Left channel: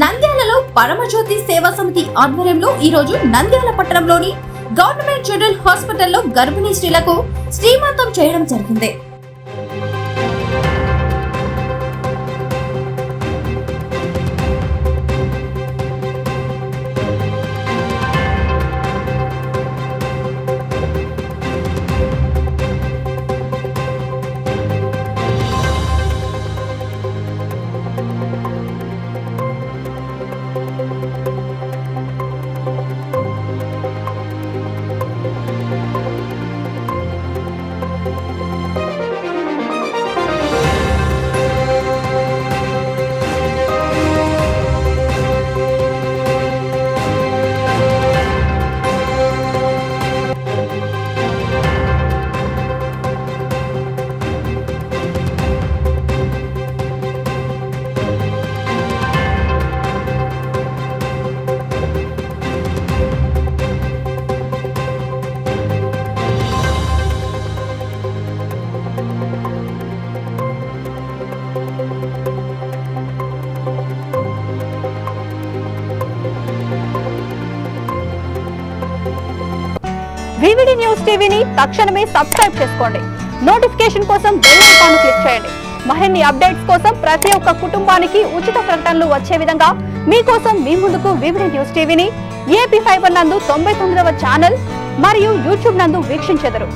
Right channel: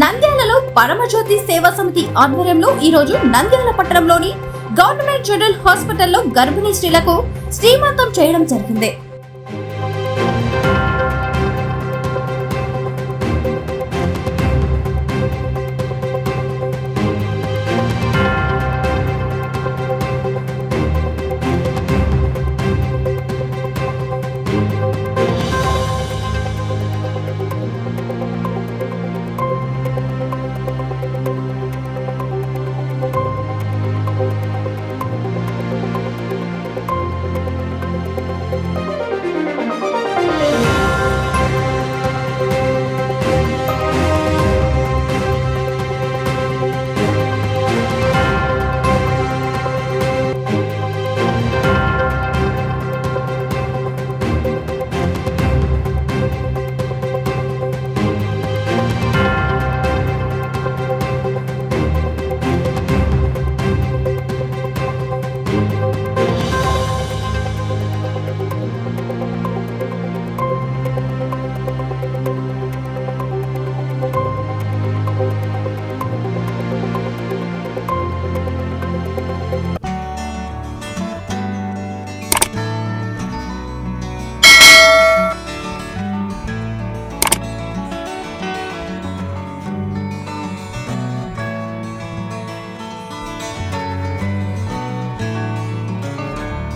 నంద్యాలలో పరమజ్యోతి సేవా సమితి ఆధ్వర్యంలో ఈ రోజు నంద్యాల పట్టణంలోని గవర్నమెంట్ జనరల్ హాస్పిటల్లో గర్భిణీ స్త్రీలకు శ్రీమంతం చేయడం జరిగింది. వివిడి న్యూస్ టీవీని తక్షణమే సబ్స్క్రైబ్ చేసుకోండి. నోటిఫికేషన్ కోసం బెల్ ఐకాన్ క్లిక్ చేయండి. మరిన్ని అప్డేట్స్ కోసం ప్రతి ఒక్క కుటుంబానికి ఉచిత ప్రకటనలు వచ్చే విధంగా మీకోసం మీ ముందుకు వివిడి న్యూస్ టీవీని ఏపీ ఫైబర్ నందు 99వ ఛానల్ మరియు యూట్యూబ్ నందు వీక్షించెదరు.